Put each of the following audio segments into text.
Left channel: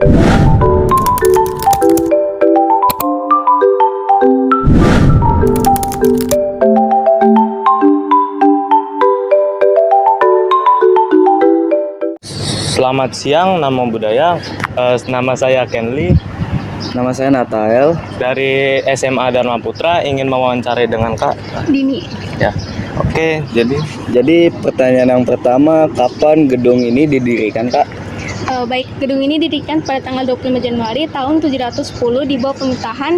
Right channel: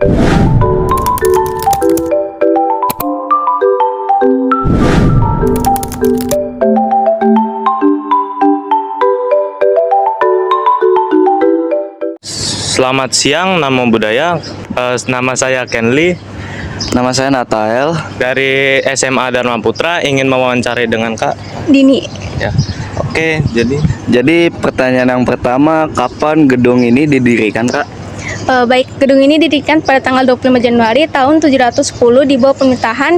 Selamat siang, nama budaya. Nama saya Kenli Nama saya Natael. dari SMA Dharma Putra. Ingin mewawancarai dengan Kak Dini. ya. Oke, Jadi pertanyaan yang pertama, kapan gedung ini didirikan, Kak? Baik, gedung ini didirikan pada tanggal 25 Januari tahun 710 di bawah pemerintahan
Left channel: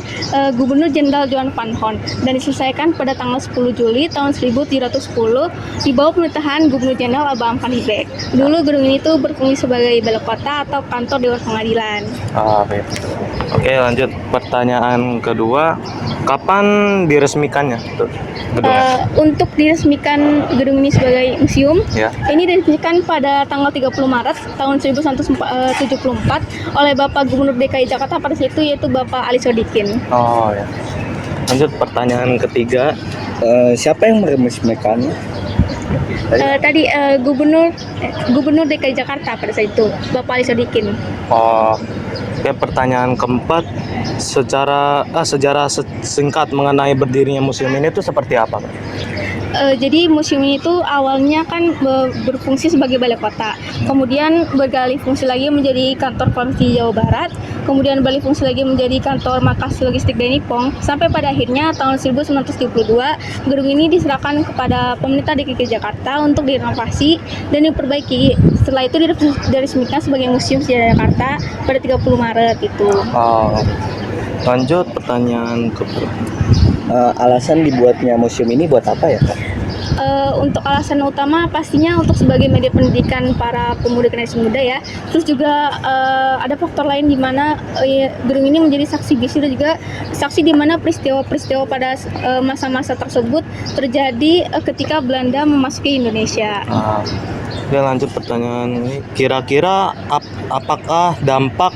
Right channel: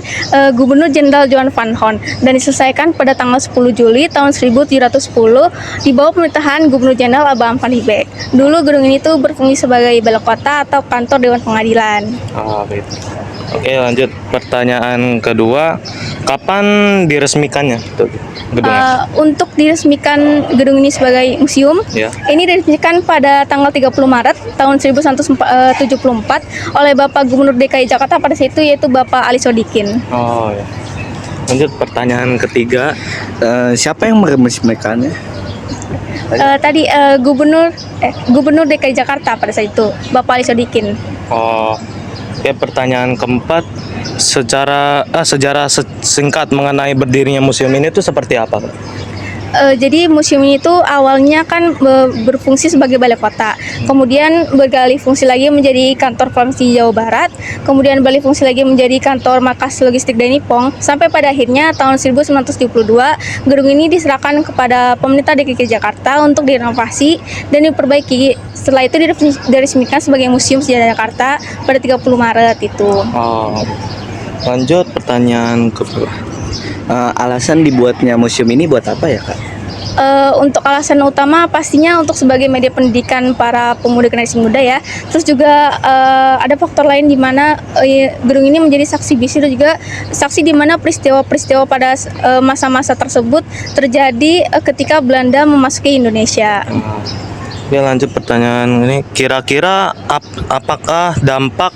Gubernur Jenderal Johan van Hoorn dan diselesaikan pada tanggal 10 Juli tahun 1710 di bawah pemerintahan Gubernur Jenderal Abraham van Riebeeck. Dulu gedung ini tuh berfungsi sebagai balai kota atau kantor Dewan Pengadilan. baik. Oke, lanjut pertanyaan kedua. Kapan diresmikannya tuh gedungnya? Untuk diresmikan gedung ini sebagai museum, Ya. ini diresmikan pada tanggal 30 Maret tahun 1974 oleh Bapak Gubernur DKI Jakarta pada saat itu, yaitu Bapak Ali Sodikin. Oh ya. Lanjut pertanyaan ketiga. Siapa yang meresmikannya? Gubernur DKI Jakarta pada saat itu, Bapak Ali Sodikin. Oh, ya, pertanyaan keempat. Sejarah singkat mengenai berdirinya museum ini tuh seperti apa, Kak? Jadi museum ini tuh awalnya kan berfungsi sebagai balai kota, kemudian beralih fungsi lagi menjadi kantor provinsi Jawa Barat, kemudian beralih fungsi lagi menjadi kantor markas logistik Denipong, sampai pada akhirnya tahun 1972 gedung ini diserahkan kepada pemerintah DKI Jakarta untuk direnovasi dan diperbaiki. Setelah itu diresmikan sebagai Museum Sejarah Jakarta pada 30 Maret itu. Oh, lanjut pertanyaan kedua. Alasan dibuatnya museum ini buat apa ya, Kak? Untuk alasan utama pastinya untuk sebagai media pendidikan para pemuda generasi muda ya. Terus juga ada faktor lain di mana gedung ini menjadi saksi bisu dan juga saksi di mana peristiwa-peristiwa pada masa-masa tersebut terjadi ketika Belanda memasuki Indonesia. Oke, lanjut pertanyaan ini. Kira-kira apakah dampak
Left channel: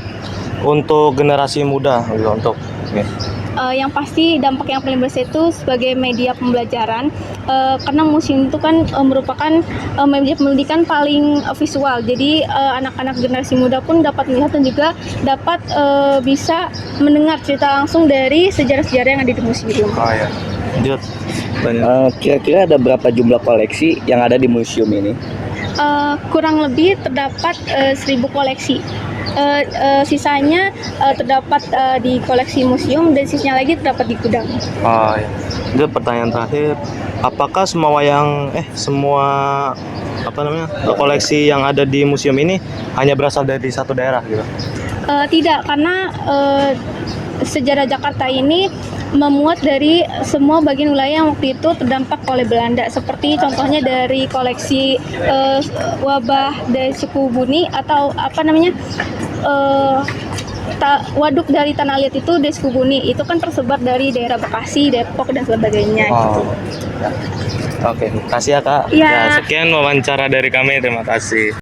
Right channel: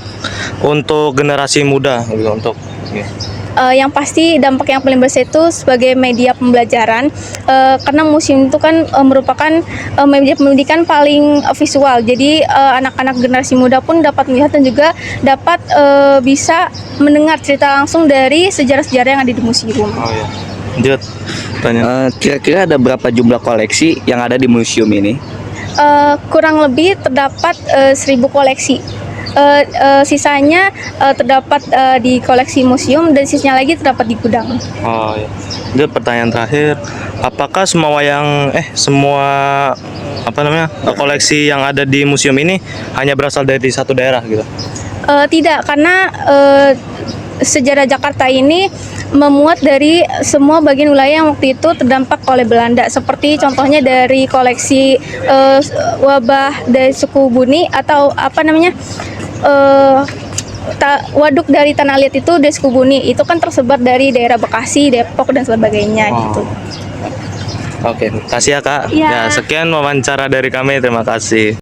untuk generasi muda gitu, untuk ya. Yang pasti dampak yang paling besar itu sebagai media pembelajaran, karena museum itu kan merupakan media pendidikan paling visual. Jadi anak-anak generasi muda pun dapat melihat dan juga dapat bisa mendengar cerita langsung dari sejarah-sejarah yang ada di museum. Oh ya. Lanjut pertanyaan. Kira-kira ada berapa jumlah koleksi yang ada di museum ini? Kurang lebih terdapat 1.000 koleksi. Sisanya terdapat di koleksi museum dan sisanya lagi terdapat di gudang. Oh ya. Lanjut pertanyaan terakhir. Apakah semua koleksi yang ada di museum ini hanya berasal dari satu daerah gitu? Tidak, karena sejarah Jakarta ini memuat dari semua bagian wilayah yang waktu itu terdampak oleh Belanda, seperti contohnya dari koleksi wabah dari suku Buni atau waduk dari Tanah Liat itu dari suku Buni, itu kan tersebar dari daerah Bekasi, Depok dan sebagainya gitu. Ya. Oke, makasih ya, Kak. Ya. Ya, sekian wawancara dari kami, terima kasih.